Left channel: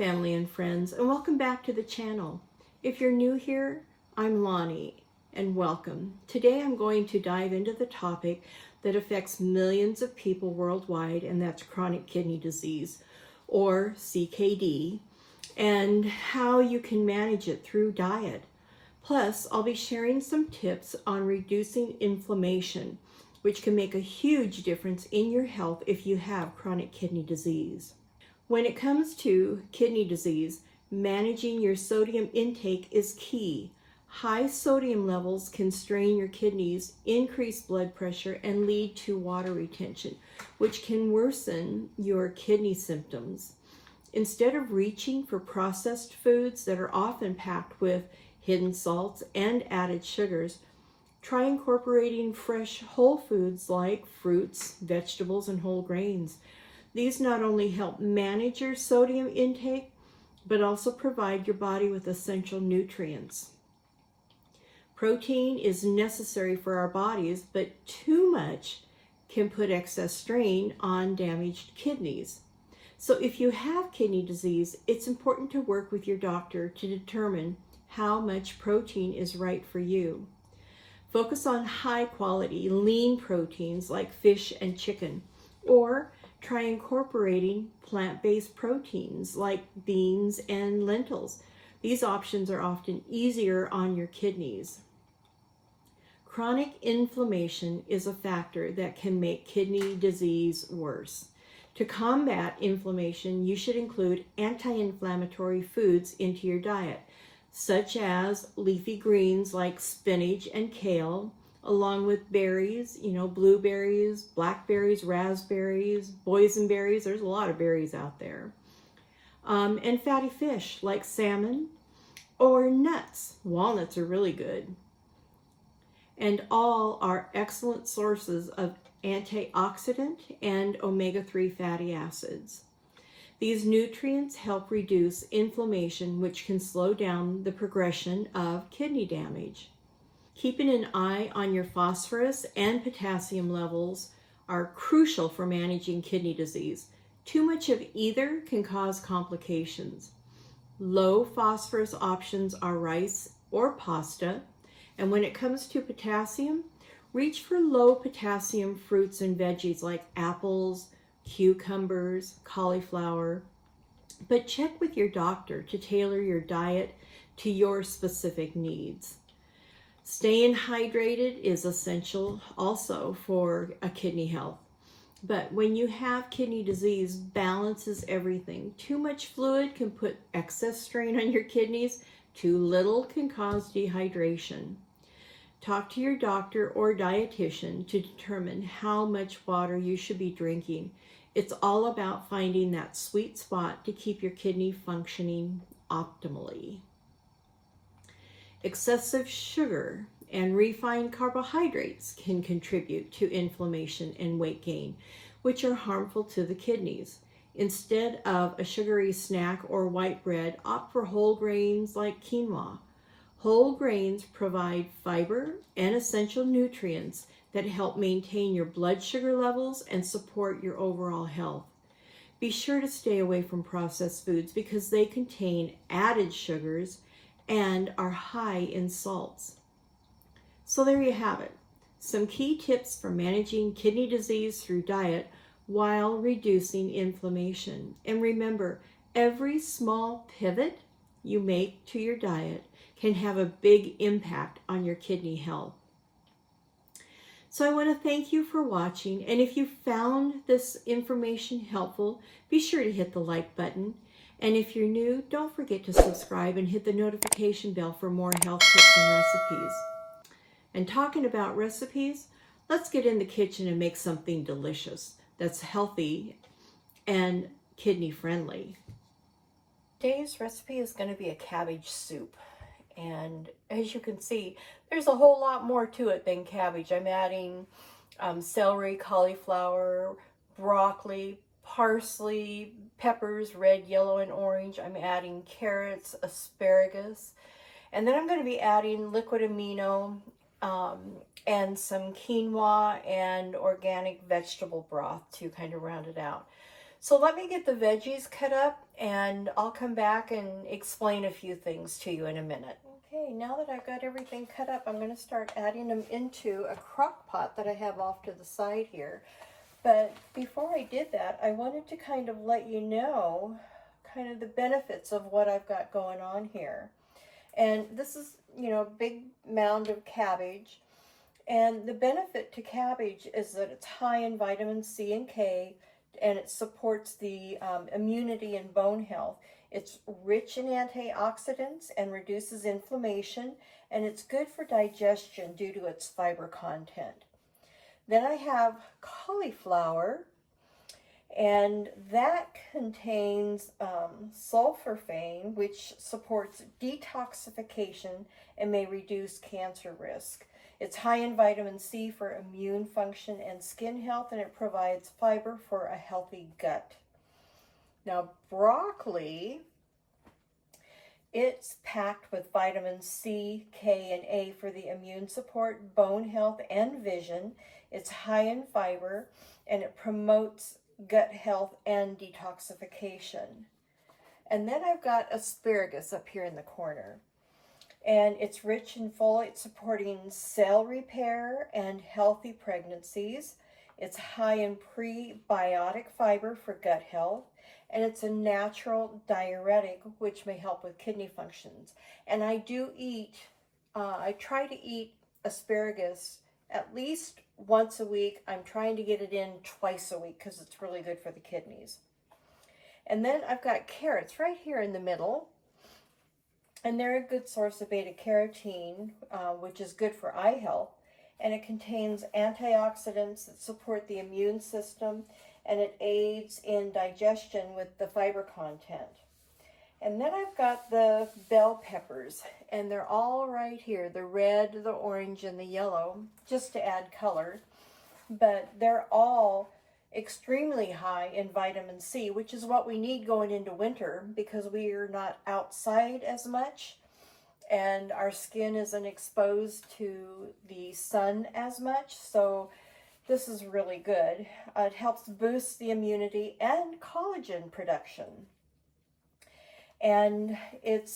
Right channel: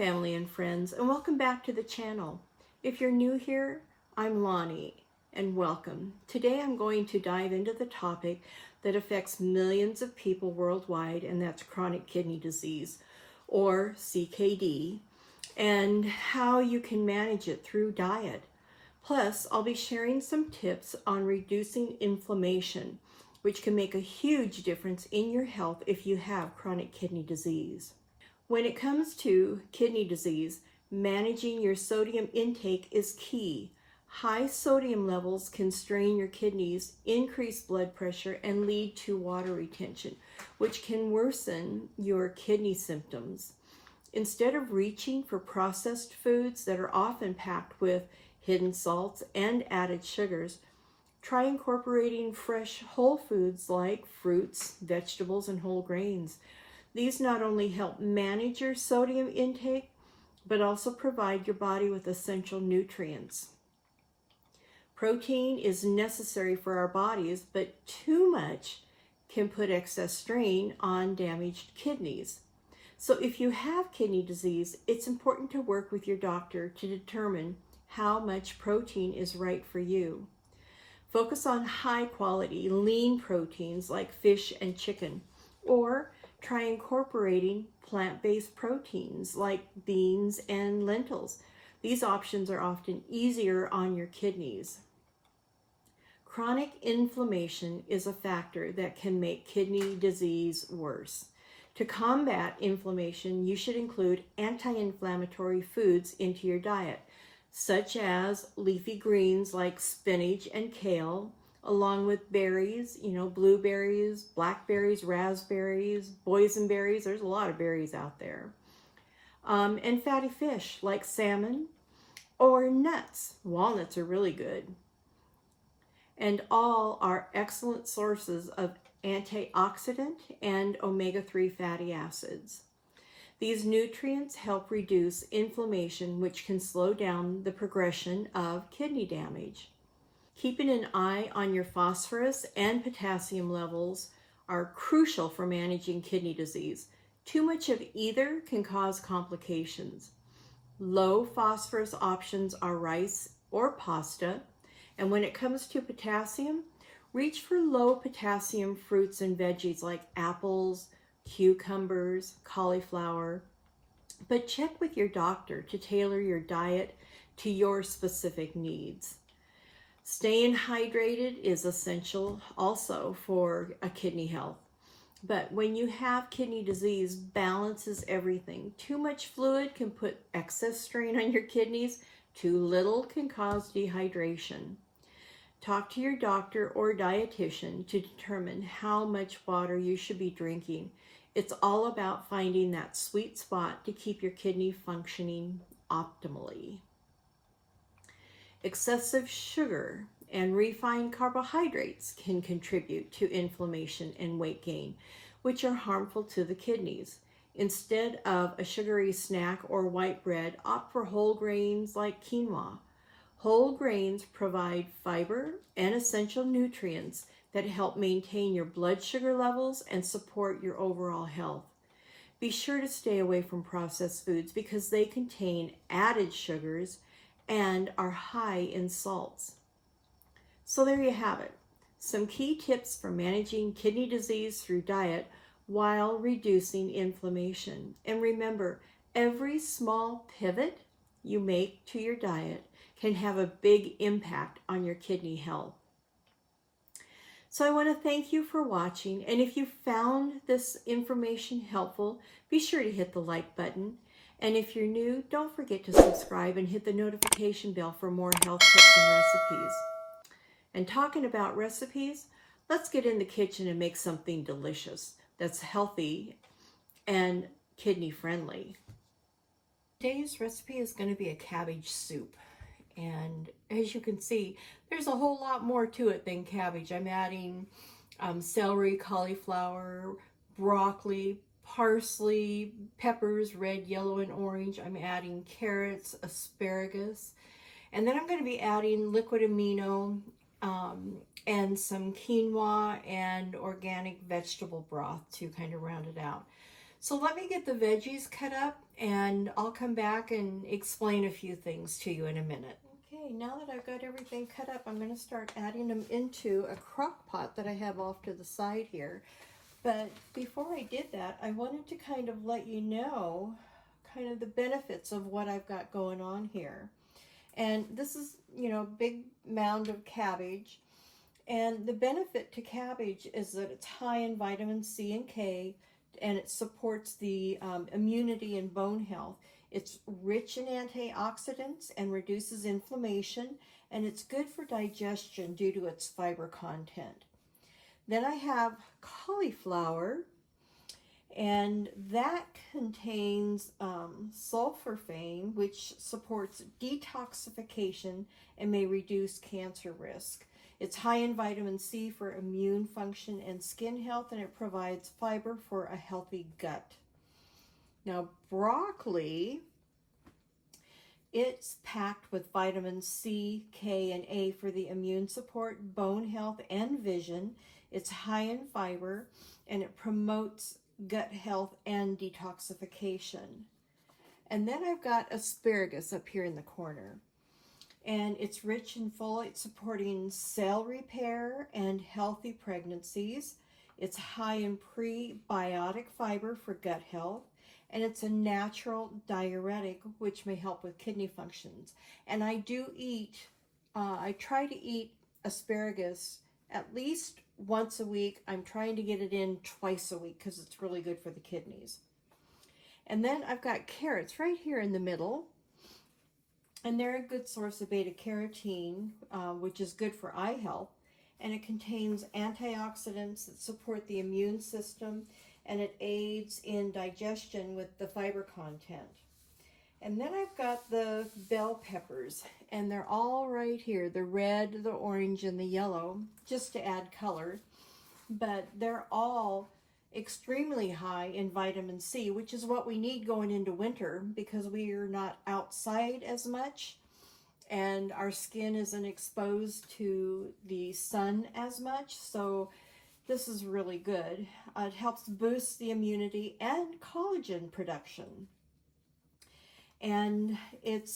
family and friends, and welcome back to the channel. If you're new here, I'm Lonnie, and welcome. Today I'm going to dive into the topic that affects millions of people worldwide, and that's chronic kidney disease, or CKD, and how you can manage it through diet. Plus, I'll be sharing some tips on reducing inflammation, which can make a huge difference in your health if you have chronic kidney disease. When it comes to kidney disease, managing your sodium intake is key. High sodium levels can strain your kidneys, increase blood pressure, and lead to water retention, which can worsen your kidney symptoms. Instead of reaching for processed foods that are often packed with hidden salts and added sugars, try incorporating fresh whole foods like fruits, vegetables, and whole grains. These not only help manage your sodium intake, but also provide your body with essential nutrients. Protein is necessary for our bodies, but too much can put excess strain on damaged kidneys. So if you have kidney disease, it's important to work with your doctor to determine how much protein is right for you. Focus on high quality, lean proteins like fish and chicken, or try incorporating plant-based proteins like beans and lentils. These options are often easier on your kidneys. Chronic inflammation is a factor that can make kidney disease worse. To combat inflammation, you should include anti-inflammatory foods into your diet, such as leafy greens like spinach and kale, along with berries, blueberries, blackberries, raspberries, boysenberries. There's a lot of berries out there. And fatty fish like salmon or nuts. Walnuts are really good. And all are excellent sources of antioxidant and omega-3 fatty acids. These nutrients help reduce inflammation, which can slow down the progression of kidney damage. Keeping an eye on your phosphorus and potassium levels are crucial for managing kidney disease. Too much of either can cause complications. Low phosphorus options are rice or pasta, and when it comes to potassium, reach for low potassium fruits and veggies like apples, cucumbers, cauliflower, but check with your doctor to tailor your diet to your specific needs. Staying hydrated is essential also for a kidney health. But when you have kidney disease, balance is everything. Too much fluid can put excess strain on your kidneys. Too little can cause dehydration. Talk to your doctor or dietitian to determine how much water you should be drinking. It's all about finding that sweet spot to keep your kidney functioning optimally. Excessive sugar and refined carbohydrates can contribute to inflammation and weight gain, which are harmful to the kidneys. Instead of a sugary snack or white bread, opt for whole grains like quinoa. Whole grains provide fiber and essential nutrients that help maintain your blood sugar levels and support your overall health. Be sure to stay away from processed foods because they contain added sugars and are high in salts. So there you have it. Some key tips for managing kidney disease through diet while reducing inflammation. And remember, every small pivot you make to your diet can have a big impact on your kidney health. So I want to thank you for watching, and if you found this information helpful, be sure to hit the like button. And if you're new, don't forget to subscribe and hit the notification bell for more health tips and recipes. And talking about recipes, let's get in the kitchen and make something delicious that's healthy and kidney friendly. Today's recipe is going to be a cabbage soup. And as you can see, there's a whole lot more to it than cabbage. I'm adding celery, cauliflower, broccoli, parsley, peppers, red, yellow, and orange. I'm adding carrots, asparagus, and then I'm going to be adding liquid amino and some quinoa and organic vegetable broth to kind of round it out. So let me get the veggies cut up and I'll come back and explain a few things to you in a minute. Okay, now that I've got everything cut up, I'm going to start adding them into a crock pot that I have off to the side here. But before I did that, I wanted to kind of let you know kind of the benefits of what I've got going on here. And this is, you know, a big mound of cabbage. And the benefit to cabbage is that it's high in vitamin C and K, and it supports the immunity and bone health. It's rich in antioxidants and reduces inflammation, and it's good for digestion due to its fiber content. Then I have cauliflower, and that contains sulforaphane, which supports detoxification and may reduce cancer risk. It's high in vitamin C for immune function and skin health, and it provides fiber for a healthy gut. Now, broccoli, it's packed with vitamins C, K, and A for the immune support, bone health, and vision. It's high in fiber, and it promotes gut health and detoxification. And then I've got asparagus up here in the corner. And it's rich in folate, supporting cell repair and healthy pregnancies. It's high in prebiotic fiber for gut health, and it's a natural diuretic, which may help with kidney functions. And I do eat, I try to eat asparagus at least once a week. I'm trying to get it in twice a week because it's really good for the kidneys. And then I've got carrots right here in the middle. And they're a good source of beta-carotene, which is good for eye health. And it contains antioxidants that support the immune system, and it aids in digestion with the fiber content. And then I've got the bell peppers, and they're all right here, the red, the orange, and the yellow, just to add color. But they're all extremely high in vitamin C, which is what we need going into winter because we are not outside as much and our skin isn't exposed to the sun as much. So this is really good. It helps boost the immunity and collagen production. And it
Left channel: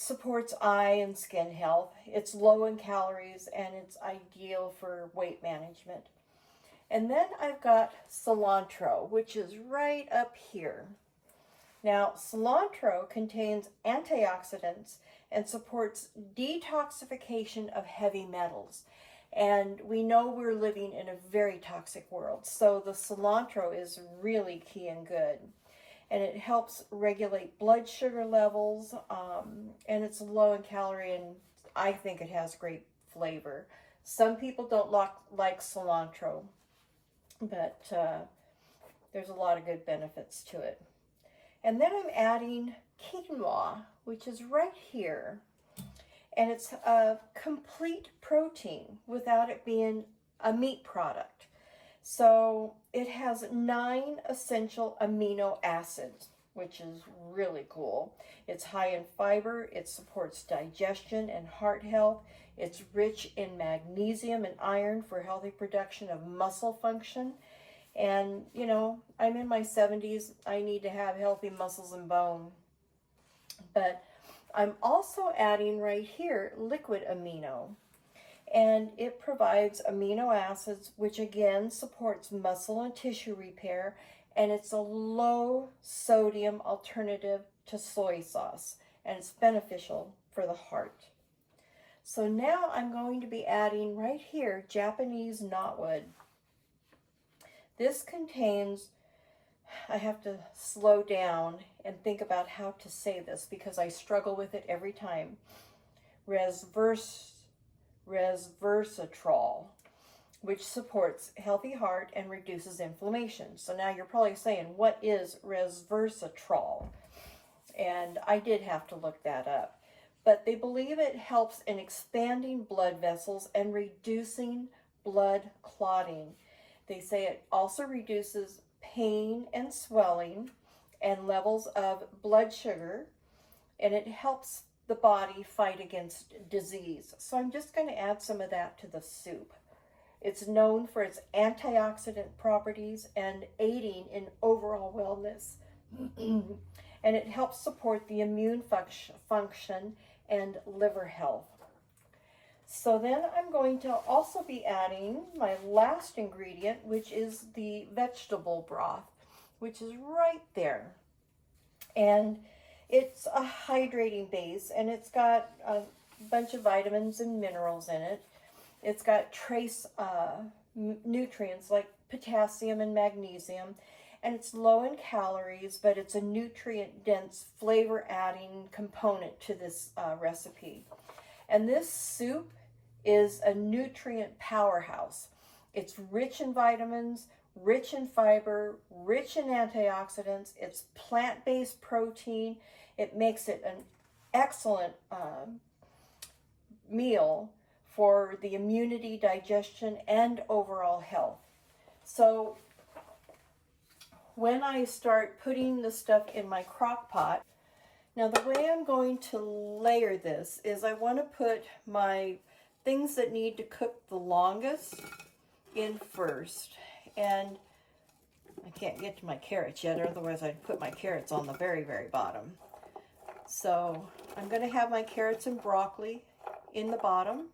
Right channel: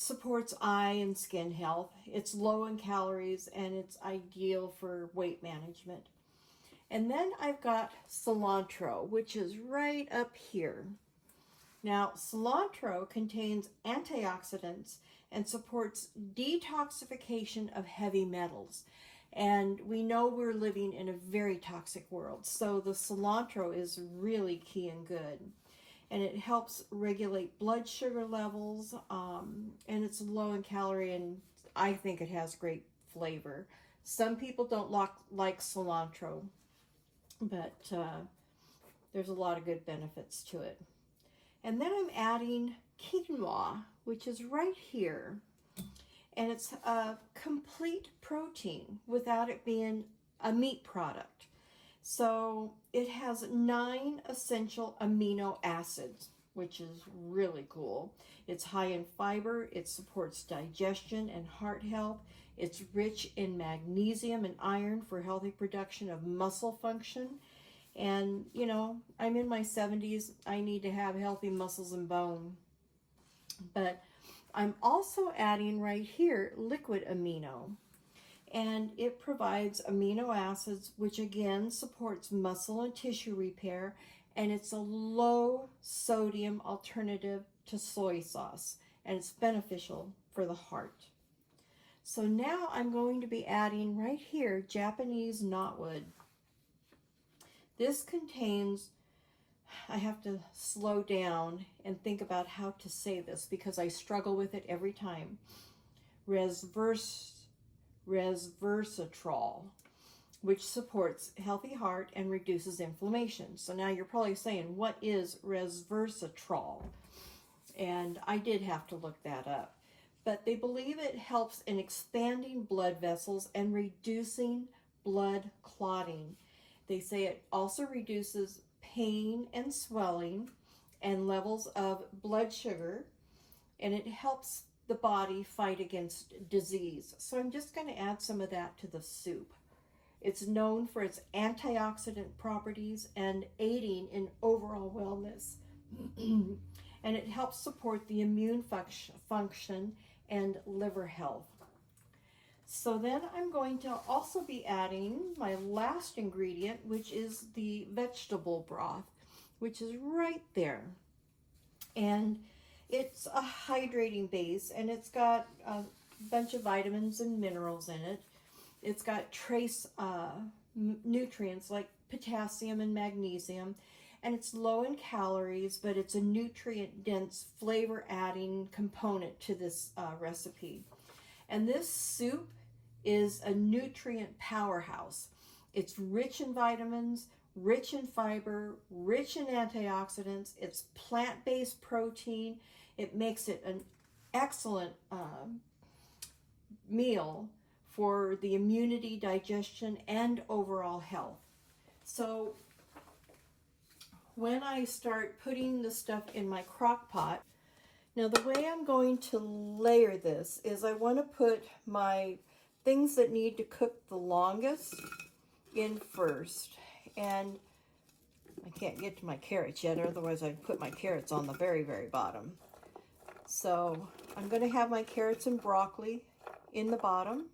supports eye and skin health. It's low in calories and it's ideal for weight management. And then I've got cilantro, which is right up here. Now, cilantro contains antioxidants and supports detoxification of heavy metals. And we know we're living in a very toxic world, so the cilantro is really key and good. And it helps regulate blood sugar levels, and it's low in calorie, and I think it has great flavor. Some people don't like cilantro, but there's a lot of good benefits to it. And then I'm adding quinoa, which is right here. And it's a complete protein without it being a meat product. So it has 9 essential amino acids, which is really cool. It's high in fiber, it supports digestion and heart health. It's rich in magnesium and iron for healthy production of muscle function. And, you know, I'm in my 70s. I need to have healthy muscles and bone. But I'm also adding right here liquid amino. And it provides amino acids, which again supports muscle and tissue repair. And it's a low sodium alternative to soy sauce. And it's beneficial for the heart. So now I'm going to be adding right here Japanese knotweed. This contains, I have to slow down and think about how to say this because I struggle with it every time. Resveratrol, which supports healthy heart and reduces inflammation. So now you're probably saying, what is resveratrol? And I did have to look that up. But they believe it helps in expanding blood vessels and reducing blood clotting. They say it also reduces pain and swelling and levels of blood sugar, and it helps the body fight against disease. So I'm just going to add some of that to the soup. It's known for its antioxidant properties and aiding in overall wellness. And it helps support the immune function and liver health. So then I'm going to also be adding my last ingredient, which is the vegetable broth, which is right there. And it's a hydrating base, and it's got a bunch of vitamins and minerals in it. It's got trace nutrients like potassium and magnesium, and it's low in calories, but it's a nutrient-dense, flavor-adding component to this recipe. And this soup is a nutrient powerhouse. It's rich in vitamins, rich in fiber, rich in antioxidants. It's plant-based protein. It makes it an excellent meal for the immunity, digestion, and overall health. So when I start putting the stuff in my crock pot, now the way I'm going to layer this is I want to put my things that need to cook the longest in first. And I can't get to my carrots yet, otherwise I'd put my carrots on the very, very bottom. So I'm going to have my carrots and broccoli in the bottom.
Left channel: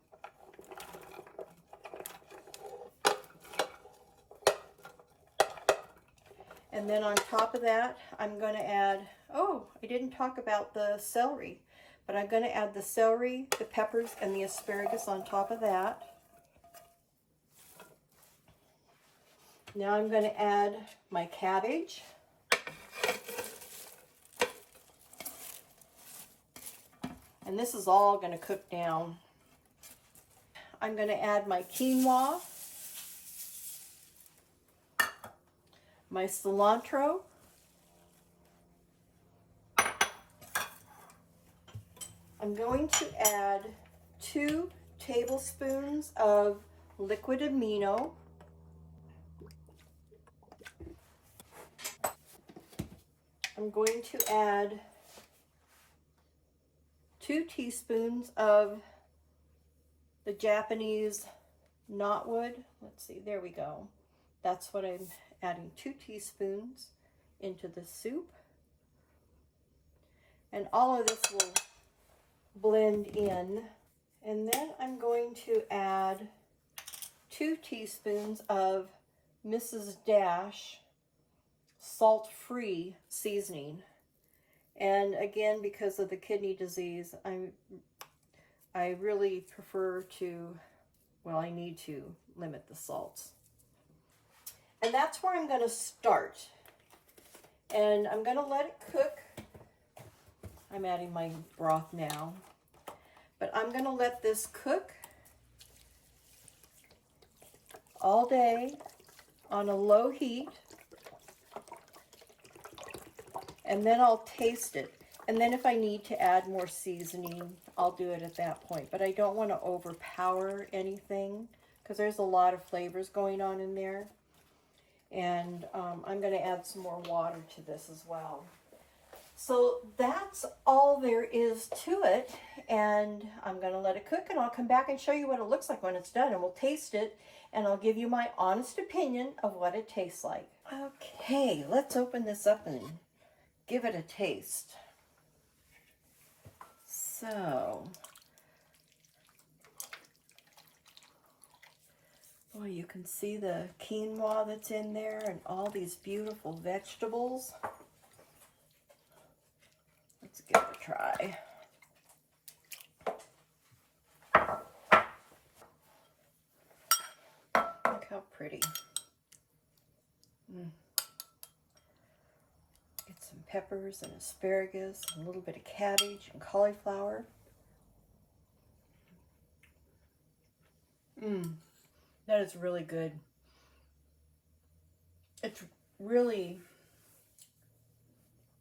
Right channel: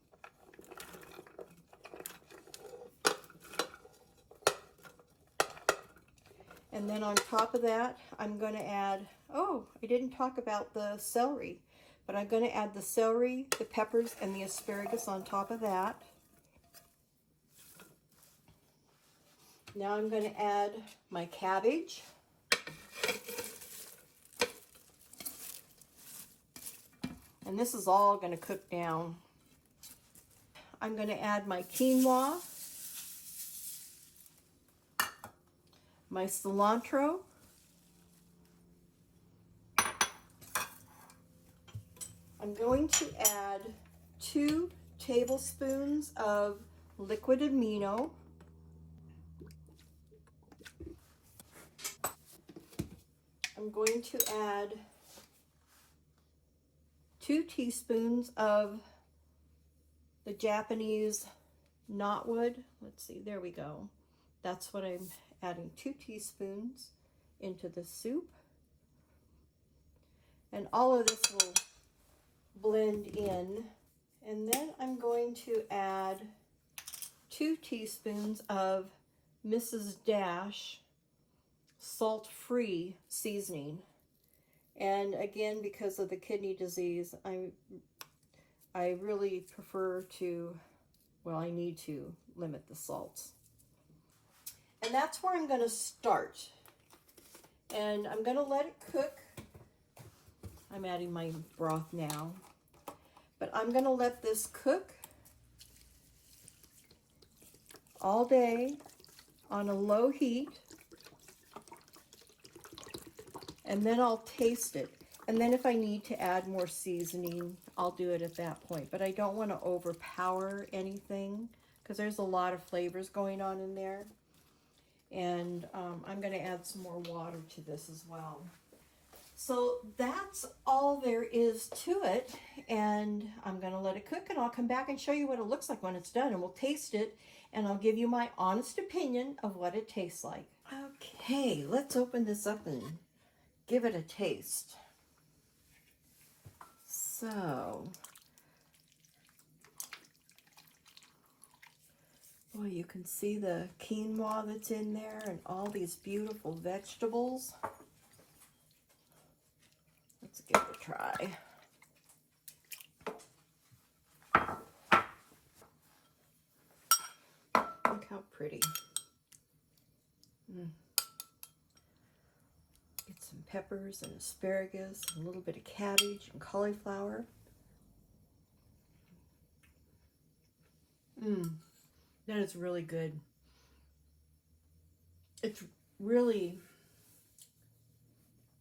And then on top of that, I'm going to add, oh, I didn't talk about the celery, but I'm going to add the celery, the peppers, and the asparagus on top of that. Now I'm going to add my cabbage. And this is all going to cook down. I'm going to add my quinoa, my cilantro, I'm going to add 2 tablespoons of liquid amino, I'm going to add 2 teaspoons of the Japanese knotwood. Let's see, there we go. That's what I'm adding, 2 teaspoons into the soup. And all of this will blend in. And then I'm going to add 2 teaspoons of Mrs. Dash salt-free seasoning. And again, because of the kidney disease, I really prefer to, well, I need to limit the salts. And that's where I'm going to start. And I'm going to let it cook. I'm adding my broth now. But I'm going to let this cook all day on a low heat. And then I'll taste it. And then if I need to add more seasoning, I'll do it at that point. But I don't want to overpower anything because there's a lot of flavors going on in there. And I'm going to add some more water to this as well. So that's all there is to it. And I'm going to let it cook, and I'll come back and show you what it looks like when it's done. And we'll taste it, and I'll give you my honest opinion of what it tastes like. Okay, let's open this up and give it a taste. So, boy, you can see the quinoa that's in there and all these beautiful vegetables. Let's give it a try. Look how pretty. Get some peppers and asparagus, a little bit of cabbage and cauliflower. That is really good. It's really,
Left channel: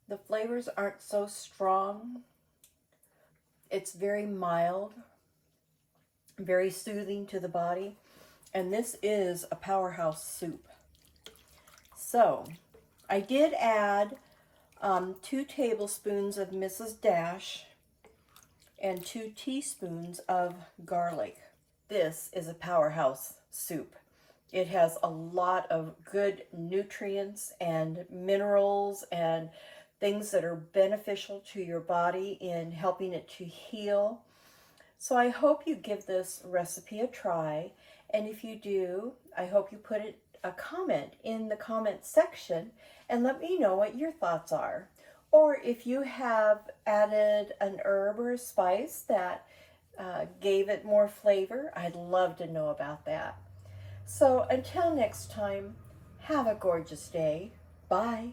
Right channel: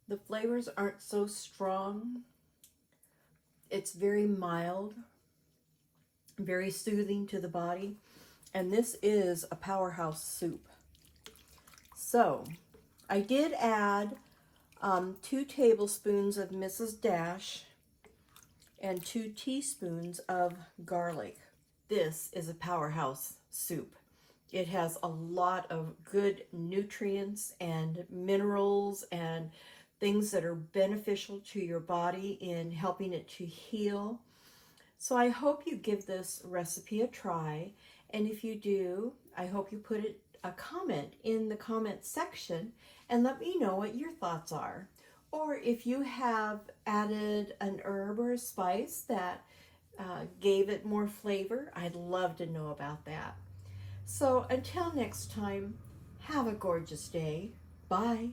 the flavors aren't so strong. It's very mild, very soothing to the body. And this is a powerhouse soup. So, I did add 2 tablespoons of Mrs. Dash and 2 teaspoons of garlic. This is a powerhouse soup. It has a lot of good nutrients and minerals and things that are beneficial to your body in helping it to heal. So I hope you give this recipe a try. And if you do, I hope you put a comment in the comment section and let me know what your thoughts are. Or if you have added an herb or a spice that gave it more flavor, I'd love to know about that. So until next time, have a gorgeous day. Bye.